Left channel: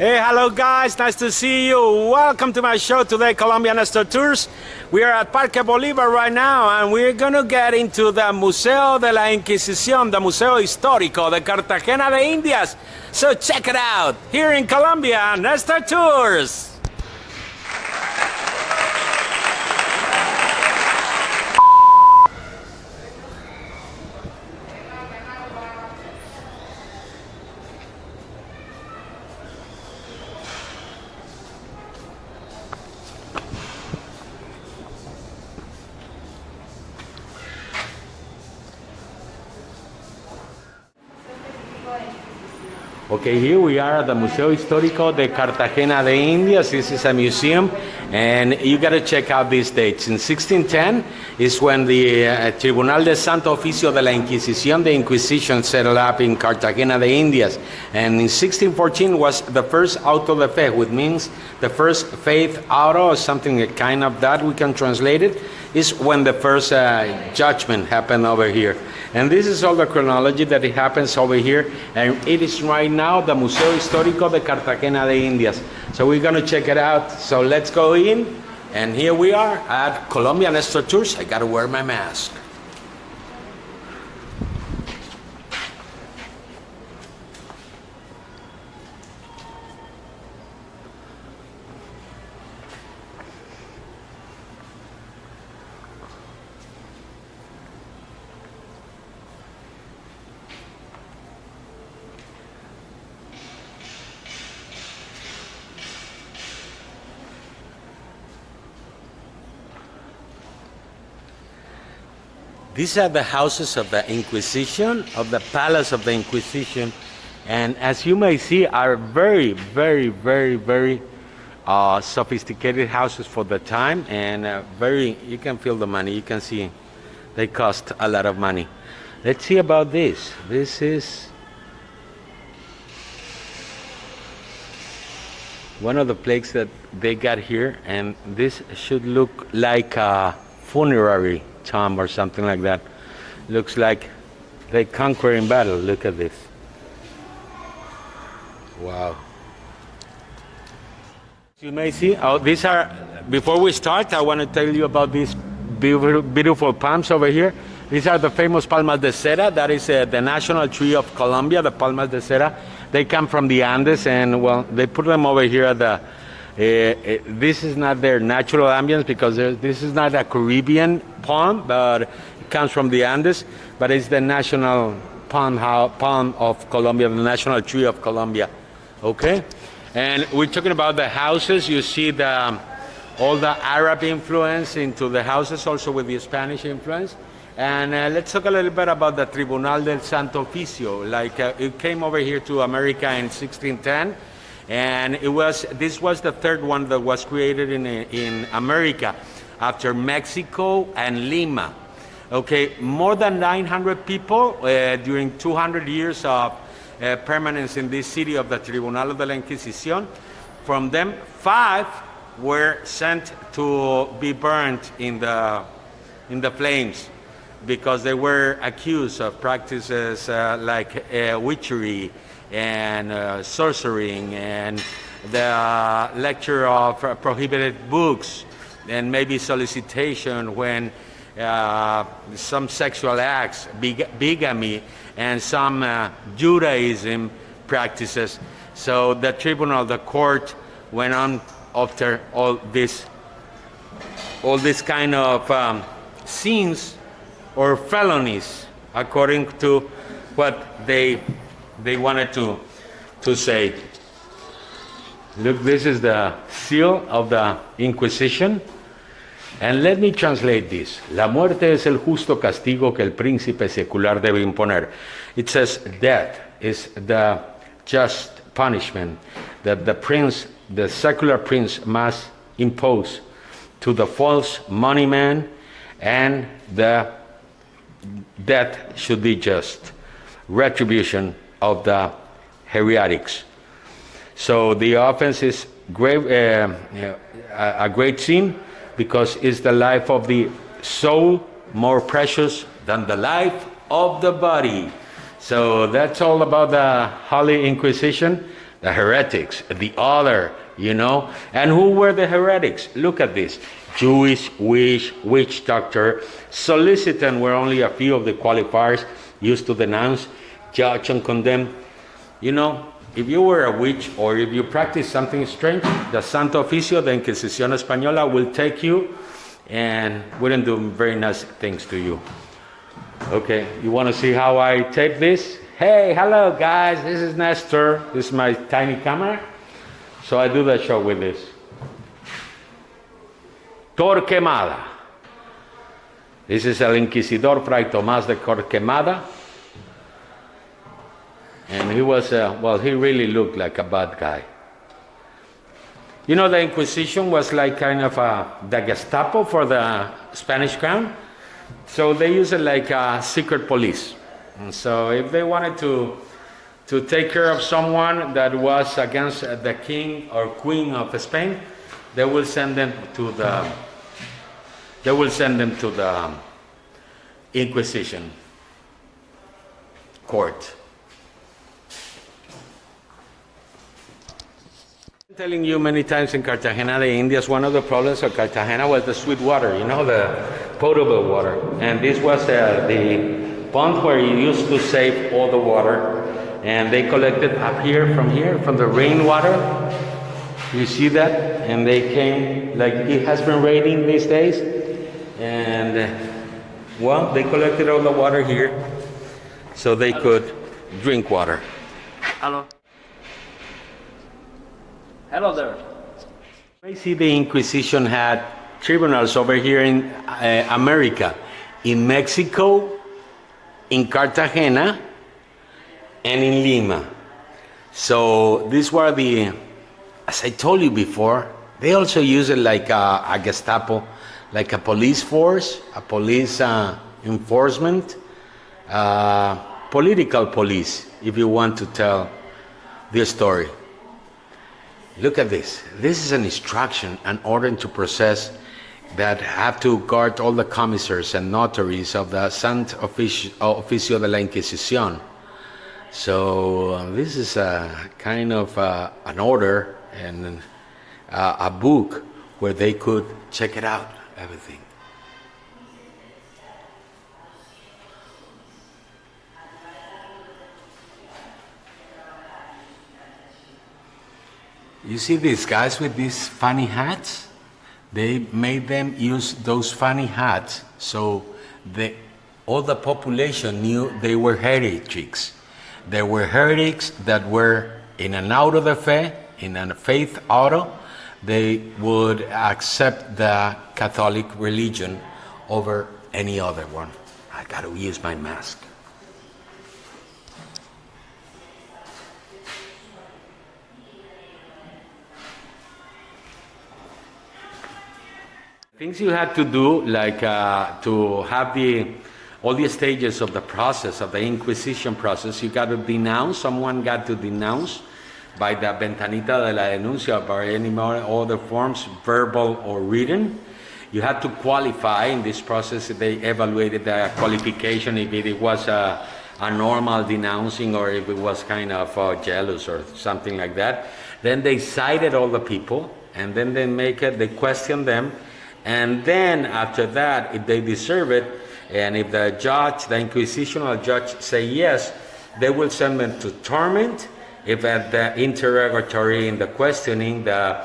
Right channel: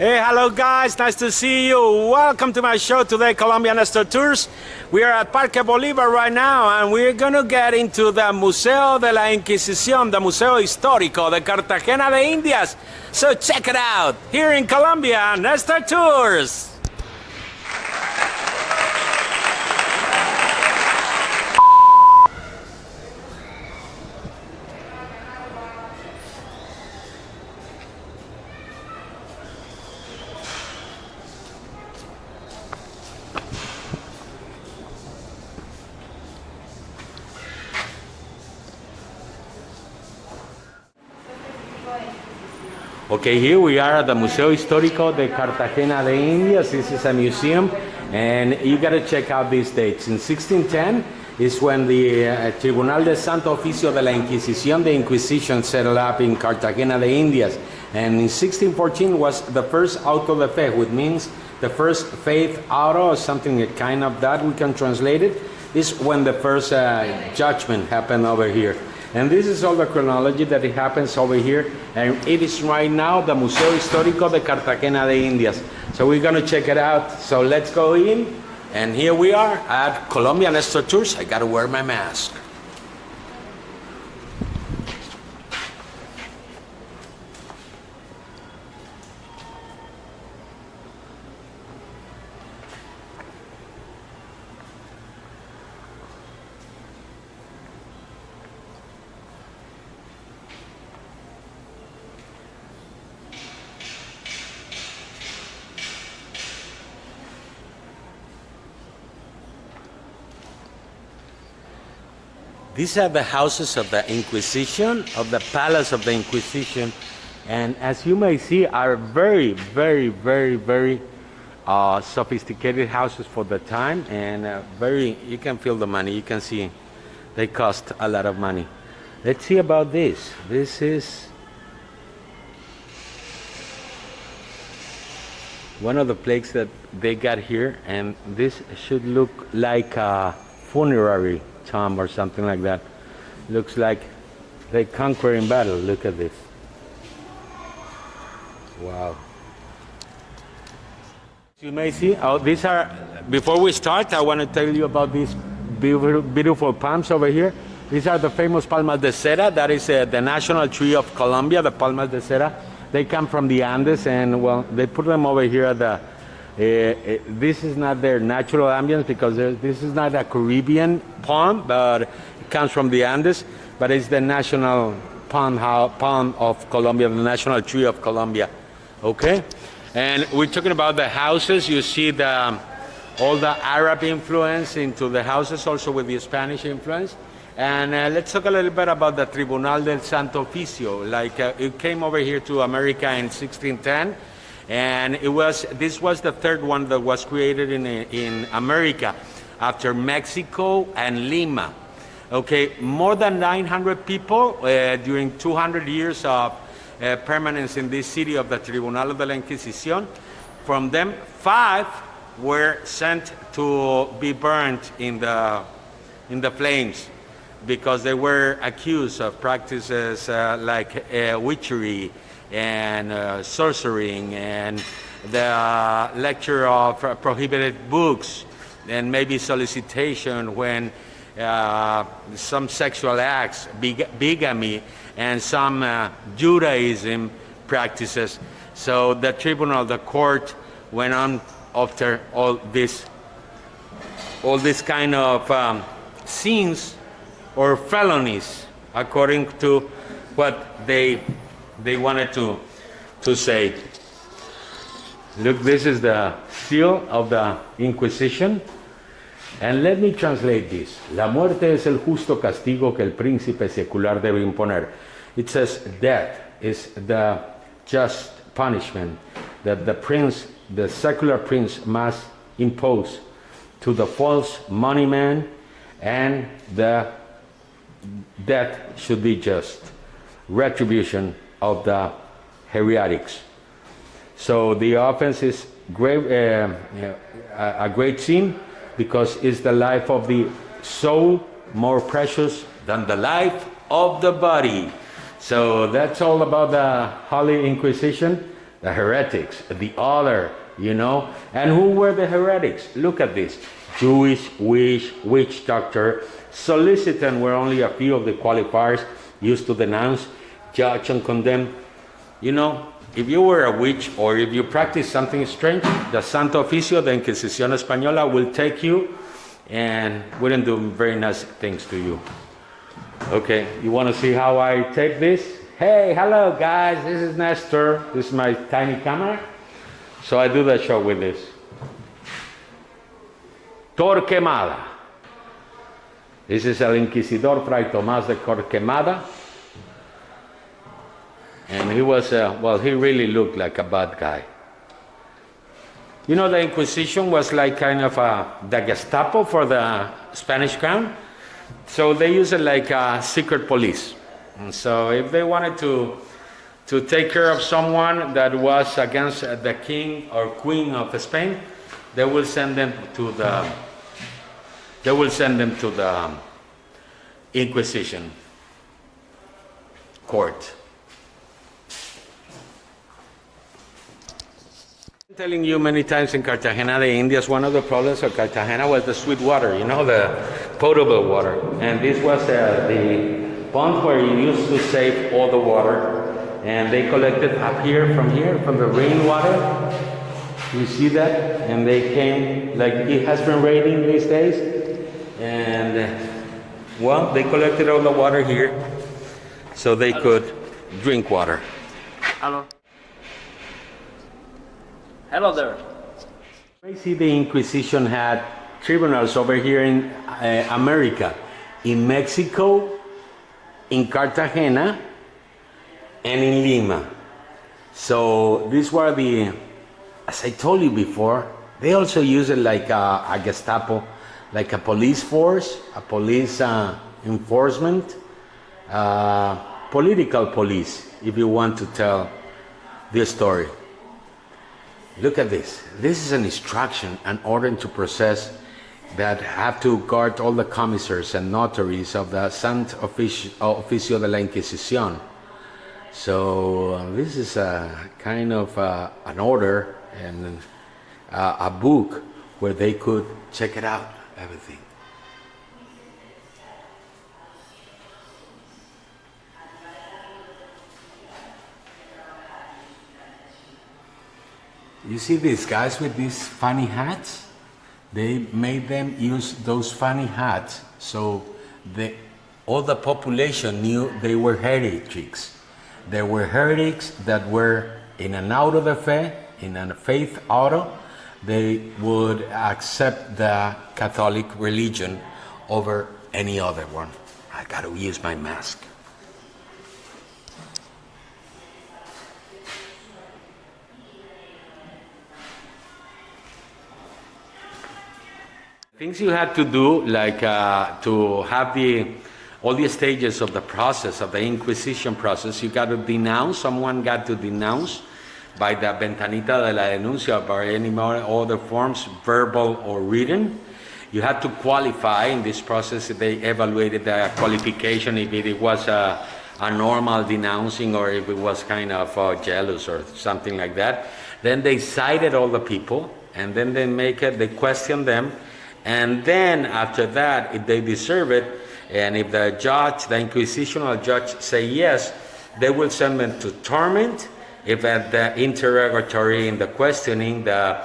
Hey, hello guys, nice to see you. Welcome to my show today, Colombia Nestor Tours. We are at Parque Bolivar right now, and we're gonna get into the Museo de La Inquisición, the Museo Histórico de Cartagena de Indias. So check it out, here in Colombia, Nestor Tours. Okay, here we are at the Museo Histórico de Cartagena de Indias. This is a museum, and you got to check out these dates. In 1610 is when the Tribunal de Santo Oficio de la Inquisición, the Inquisition, set up in Cartagena de Indias. And in 1614 was the first auto de fe, which means the first faith auto, or something kind of that we can translate it, is when the first judgment happened over here. And this is all the chronology that it happens over here. And it is right now the Museo Histórico de Cartagena de Indias. So we're going to check it out. So let's go in. And here we are at Colombia Nestor Tours. I got to wear my mask. These are the houses of the Inquisition, of the Palace of the Inquisition, and as you may see, are very, very, very, very sophisticated houses for the time, and you can feel the money. You can see they cost a lot of money. Let's see about this. This is one of the plaques that they got here, and this should look like a funerary tomb or something like that. Looks like they conquer in battle. Look at this. Wow. You may see, these are, before we start, I want to tell you about these beautiful palms over here. These are the famous palmas de cera. That is the national tree of Colombia, the palmas de cera. They come from the Andes, and well, they put them over here at the this is not their natural ambience, because this is not a Caribbean palm, but it comes from the Andes, but it's the national palm of Colombia, the national tree of Colombia. Okay? And we're talking about the houses. You see all the Arab influence into the houses, also with the Spanish influence. And let's talk a little bit about the Tribunal del Santo Oficio. Like it came over here to America in 1610. And this was the third one that was created in America after Mexico and Lima. Okay, more than 900 people during 200 years of permanence in this city of the Tribunal de la Inquisición. From them, 5 were sent to be burned in the flames because they were accused of practices like witchery and sorcering, and the lecture of prohibited books, and maybe solicitation when some sexual acts, bigamy, and some Judaism practices. So the tribunal, the court, went on after all this kind of sins or felonies, according to what they wanted to say. Look, this is the seal of the Inquisition. And let me translate this. La muerte es el justo castigo que el príncipe secular debe imponer. It says death is the just punishment that the secular prince must impose to the false money man, and the death should be just retribution of the heretics. So the offense is a great sin, because it's the life of the soul more precious than the life of the body. So that's all about the Holy Inquisition. the heretics, the other, you know. And who were the heretics? Look at this. Jewish, witch doctor, solicitant were only a few of the qualifiers used to denounce, judge, and condemn. You know, if you were a witch or if you practiced something strange, the Santo Oficio, the Inquisición Española, will take you and wouldn't do very nice things to you. Okay, you want to see how I tape this? Hey, hello guys, this is Nestor. This is my tiny camera. So I do the show with this. Torquemada. This is El Inquisidor Fray Tomás de Torquemada. And he was, well, he really looked like a bad guy. You know, the Inquisition was like kind of the Gestapo for the Spanish crown. So they used it like a secret police. And so if they wanted to take care of someone that was against the king or queen of Spain, they will send them to the Inquisition court. I'm telling you many times in Cartagena de Indias, one of the problems of Cartagena was the sweet water, you know, the potable water. And this was the pond where you used to save all the water. And they collected up here, from the rainwater. You see that? And they came, like it has been raining these days. And, well, they collected all the water here so they could drink water. Hello. Hello there. I see the Inquisition had tribunals over here in America, in Mexico, in Cartagena, and in Lima. So these were the, as I told you before, they also use it like a Gestapo, like a police force, a police enforcement, political police, if you want to tell the story. Look at this. This is an instruction, an order to process that have to guard all the commissaries and notaries of the Santo Oficio de la Inquisición. So this is a kind of an order and a book where they could check it out, everything. You see these guys with these funny hats? They made them use those funny hats so all the population knew they were heretics. There were heretics that were in an auto de fe, in a faith auto. They would accept the Catholic religion over any other one. I gotta use my mask. Things you had to do, like to have all the stages of the process, of the Inquisition process, you got to denounce, someone got to denounce by the ventanita de la denuncia, or any other forms, verbal or written. You had to qualify in this process. They evaluated the qualification, if it was a normal denouncing or if it was kind of jealous or something like that. Then they cited all the people, and then they question them. And then after that, if they deserve it, and if the judge, the inquisitional judge, say yes, they will send them to torment. If at the interrogatory, in the questioning, the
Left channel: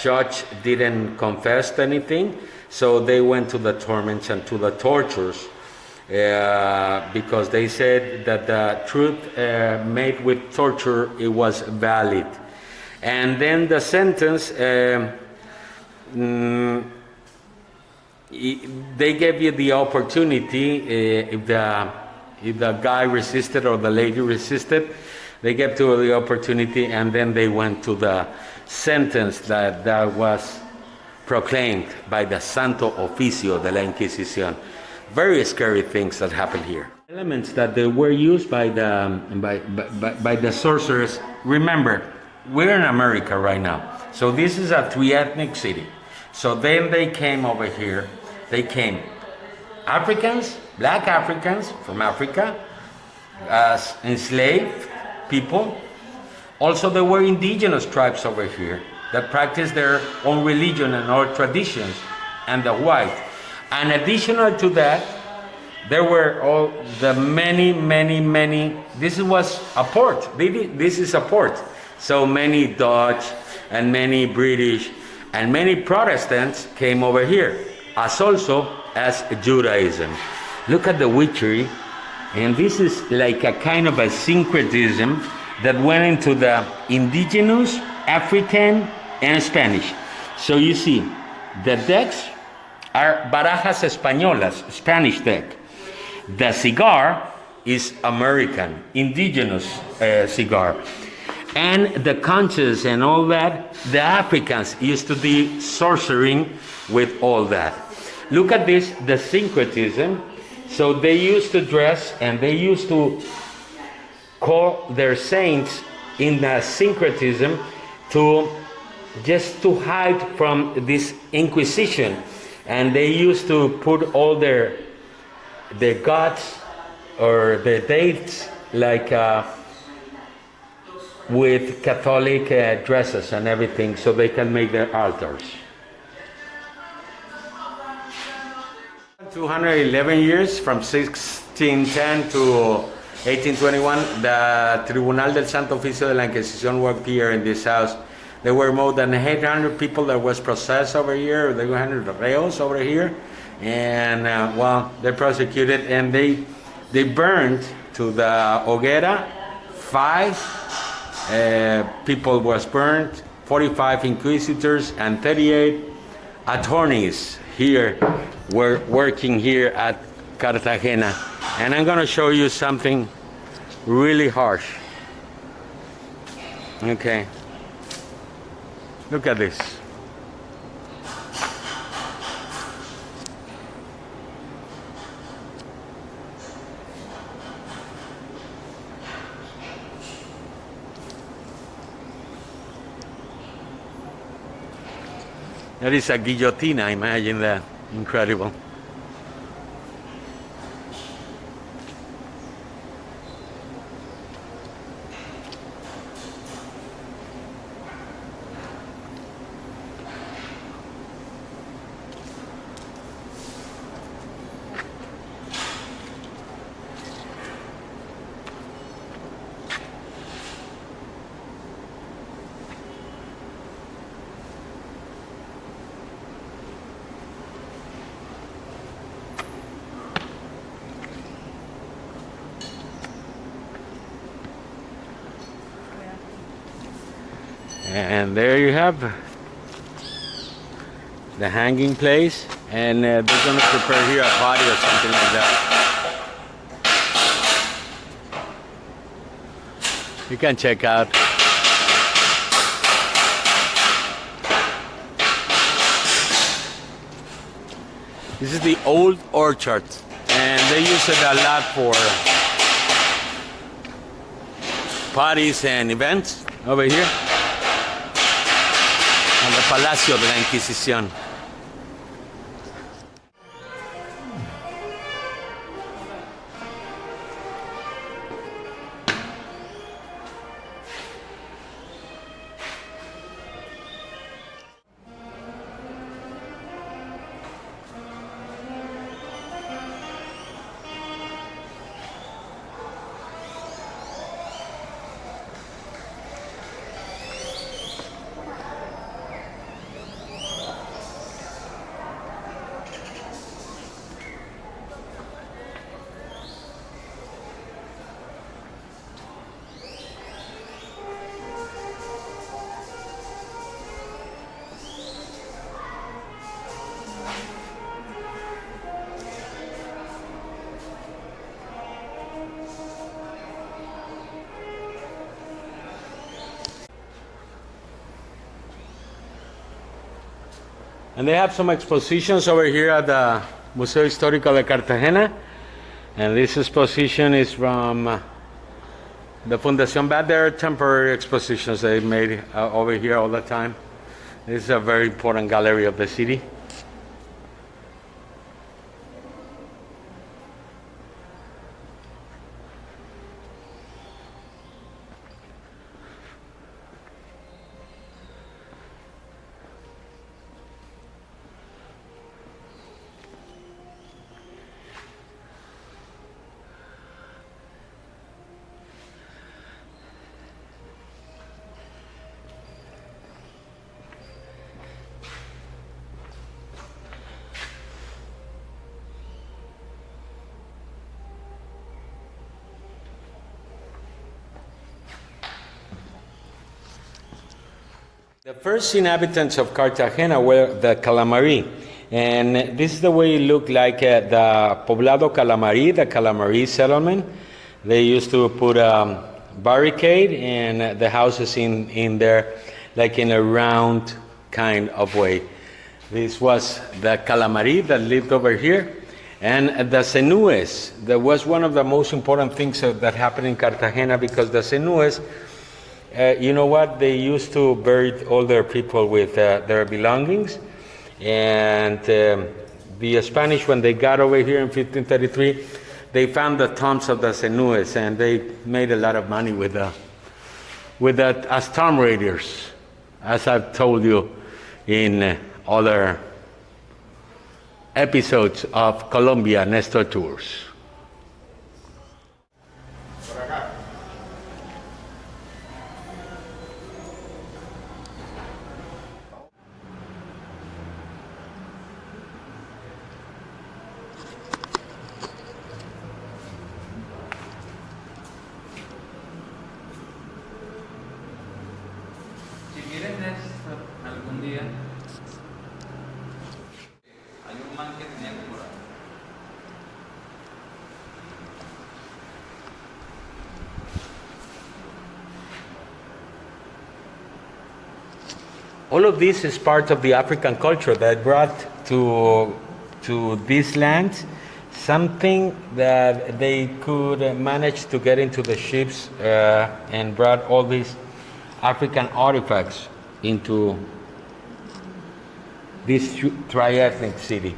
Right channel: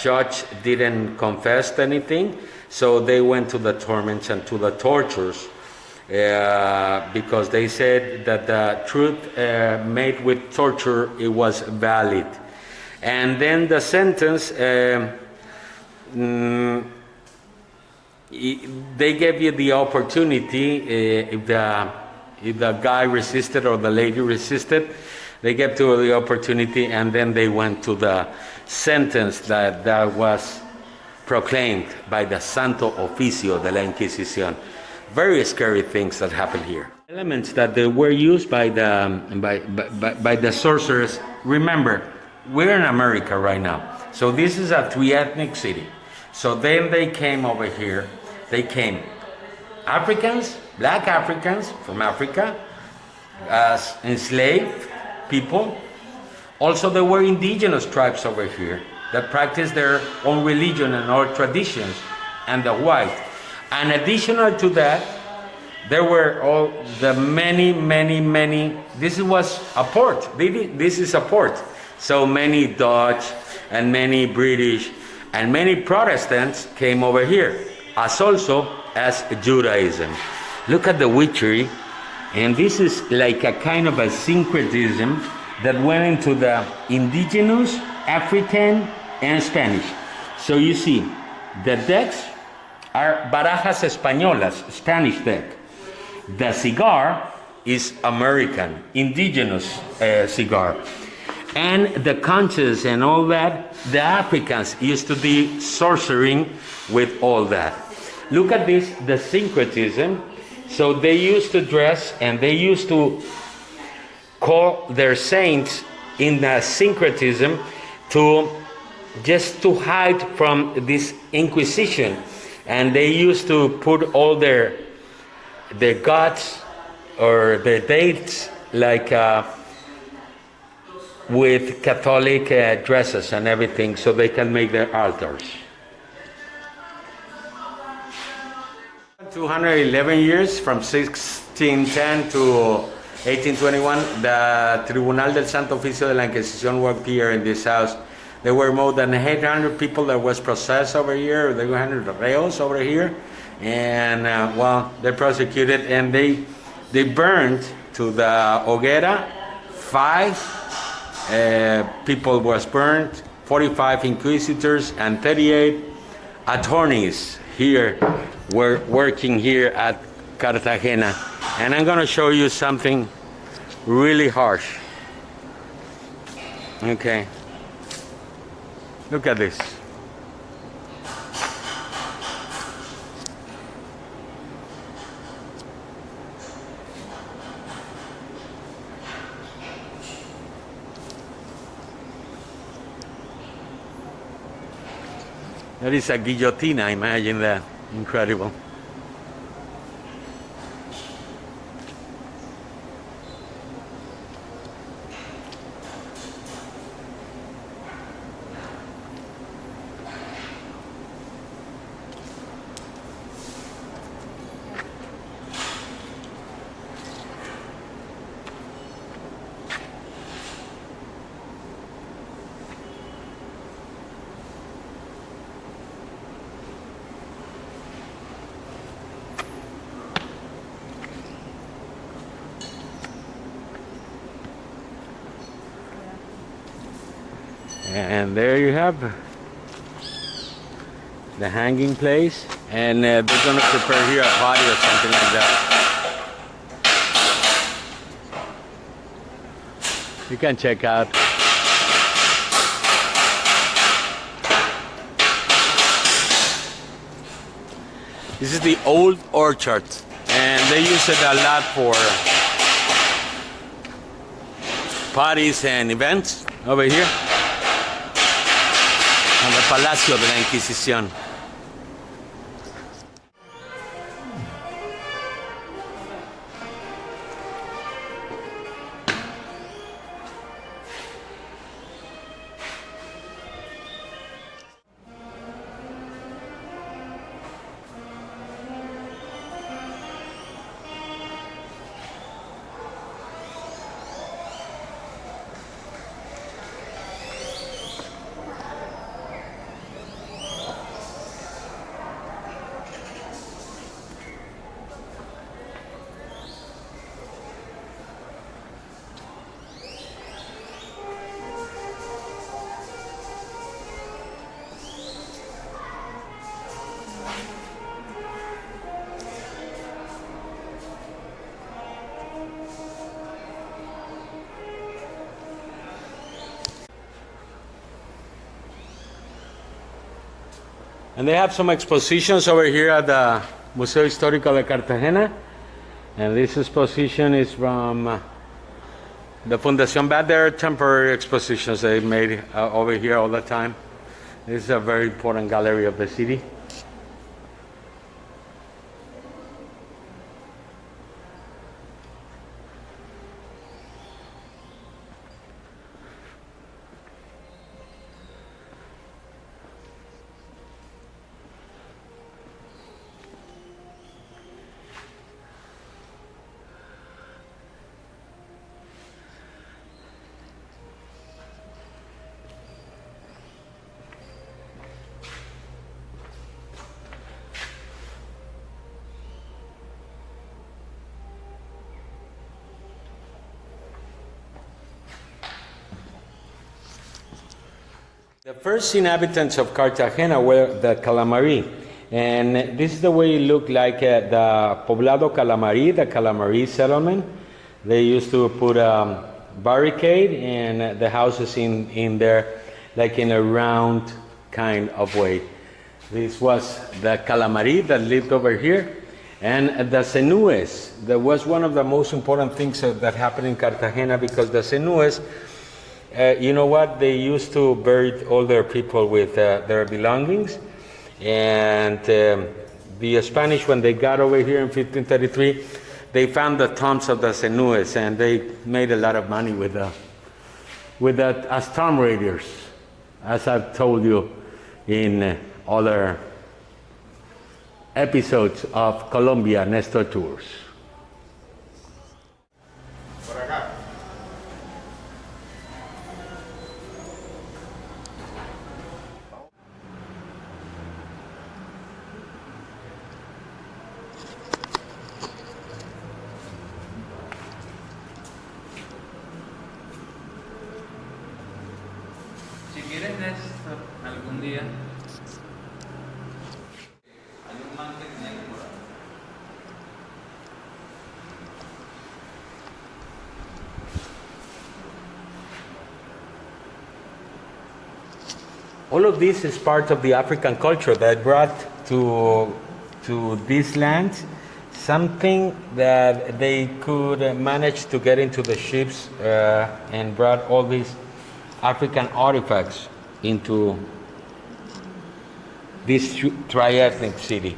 judge didn't confess anything, so they went to the torments and to the tortures, because they said that the truth made with torture, it was valid. And then the sentence, they gave you the opportunity, if the guy resisted or the lady resisted, they gave to the opportunity, and then they went to the sentence that was proclaimed by the Santo Oficio de la Inquisición. Very scary things that happened here. Elements that they were used by the sorcerers. Remember, we're in America right now, so this is a three-ethnic city. So then they came over here. They came Africans, black Africans from Africa, as enslaved people, Also, there were indigenous tribes over here that practiced their own religion and own traditions, and the white. And additional to that, there were all the many. This was a port. This is a port. So many Dutch and many British and many Protestants came over here, as also as Judaism. Look at the witchery, and this is like a kind of a syncretism that went into the indigenous, African, and Spanish. So you see, the decks are barajas españolas, Spanish deck. The cigar is American, indigenous cigar. And the conches and all that, the Africans used to be sorcering with all that. Look at this, the syncretism. So they used to dress and they used to call their saints in the syncretism to just to hide from this Inquisition. And they used to put all their gods or their dates like with Catholic dresses and everything, so they can make their altars. 211 years, from 1610 to 1821, the Tribunal del Santo Oficio de la Inquisición worked here in this house. There were more than 800 people that was processed over here. There were 100 reos over here, and well, they prosecuted and they burned to the hoguera. 5 people was burned, 45 inquisitors, and 38 attorneys here were working here at Cartagena. And I'm going to show you something really harsh. Okay. Look at this. That is a guillotine, imagine that. Incredible. And there you have the hanging place, and they're going to prepare here a party or something like that. You can check out. This is the old orchard, and they use it a lot for parties and events over here. En el Palacio de la Inquisición. And they have some expositions over here at the Museo Histórico de Cartagena. And this exposition is from the Fundación Bad. There are temporary expositions they made over here all the time. This is a very important gallery of the city. The first inhabitants of Cartagena were the Calamari, and this is the way it looked like the Poblado Calamari, the Calamari settlement. They used to put a barricade and the houses in there, like in a round kind of way. This was the Calamari that lived over here, and the Senues. That was one of the most important things that happened in Cartagena, because the Senues, you know what? They used to bury all their people with their belongings. And the Spanish, when they got over here in 1533, they found the tombs of the Senues, and they made a lot of money with that as tomb raiders, as I've told you in other episodes of Colombia Nestor Tours. Si miren esto algún día, hay un man que tenía que morar. All of this is part of the African culture that brought to this land something that they could manage to get into the ships and brought all these African artifacts into this tri-ethnic city.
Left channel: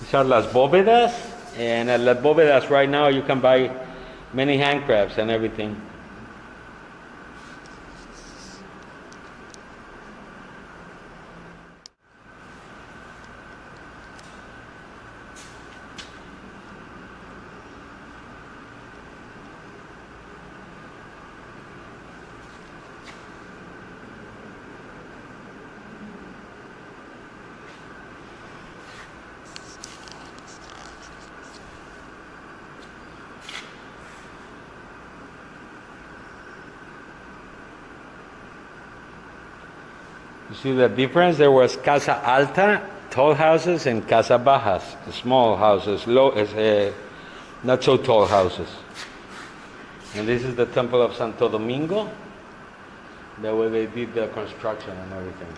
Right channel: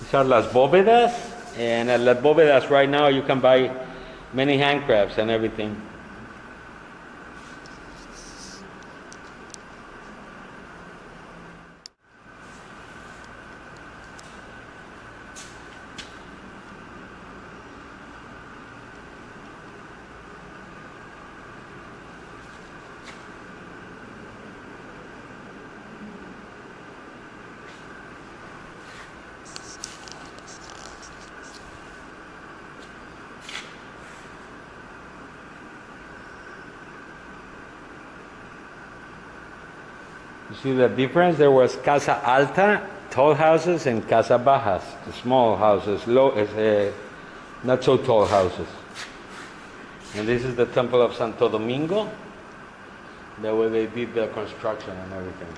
These are las bóvedas, and at las bóvedas right now you can buy many handcrafts and everything. You see the difference? There was Casa Alta, tall houses, and Casa Bajas, small houses, not so tall houses. And this is the temple of Santo Domingo, the way they did the construction and everything.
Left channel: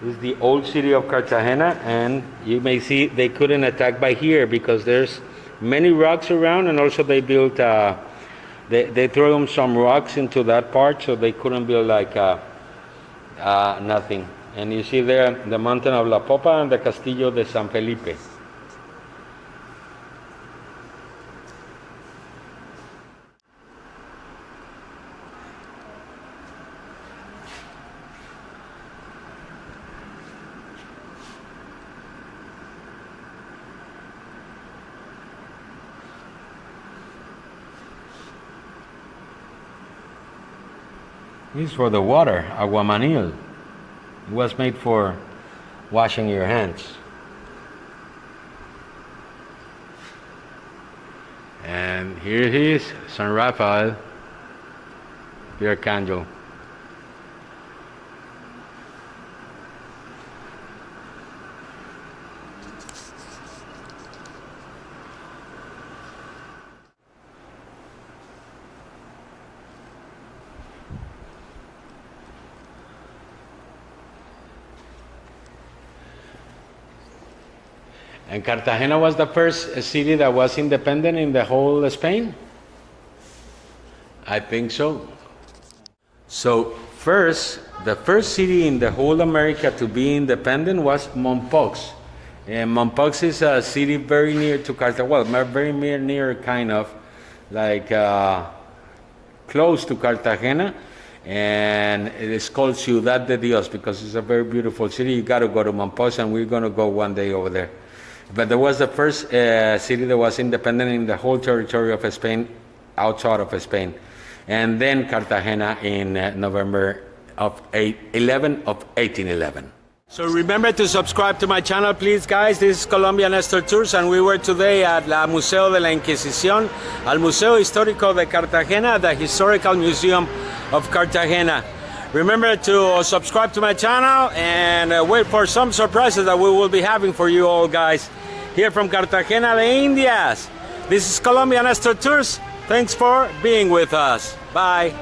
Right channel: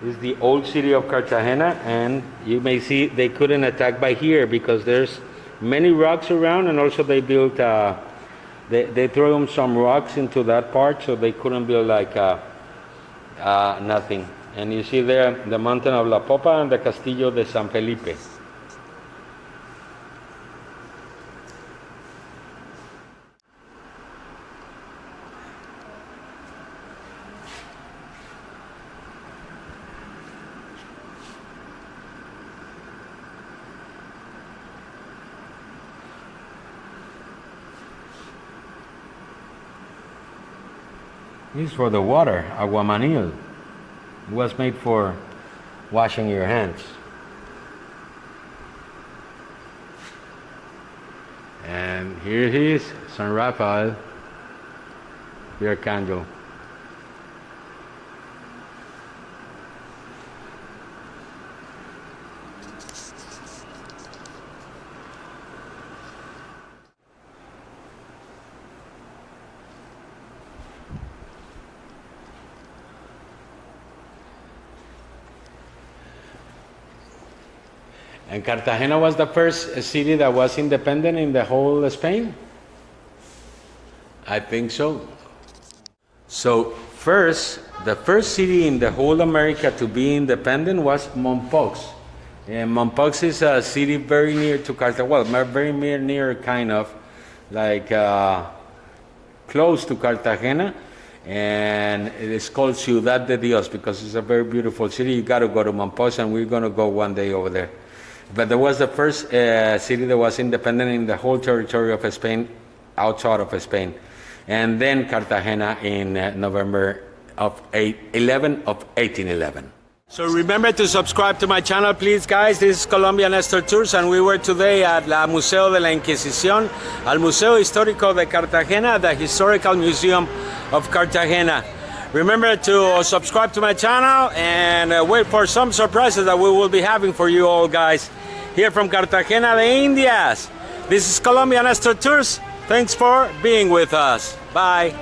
This is the old city of Cartagena, and you may see they couldn't attack by here because there's many rocks around, and also they built, they threw some rocks into that part, so they couldn't build like nothing. And you see there the mountain of La Popa and the Castillo de San Felipe. This is for the water, aguamanil. It was made for washing your hands. And here it is, San Rafael, your candle. And Cartagena was the first city that was independent in the whole Spain? I think so. So the first city in the whole America to be independent was Mompox. And Mompox is a city very near to Cartagena, well, very near kind of, like close to Cartagena. And it is called Ciudad de Dios because it's a very beautiful city. You got to go to Mompox, and we're going to go one day over there. But there was the first city that was independent in the whole territory of Spain, outside of Spain. And then Cartagena in November of 1811. So remember to subscribe to my channel, please, guys. This is Colombia Nestor Tours, and we were today at la Museo de La Inquisición, al Museo Histórico de Cartagena, the Historical Museum of Cartagena. Remember to subscribe to my channel and wait for some surprises that we will be having for you all, guys. Here from Cartagena de Indias. This is Colombia Nestor Tours. Thanks for being with us. Bye.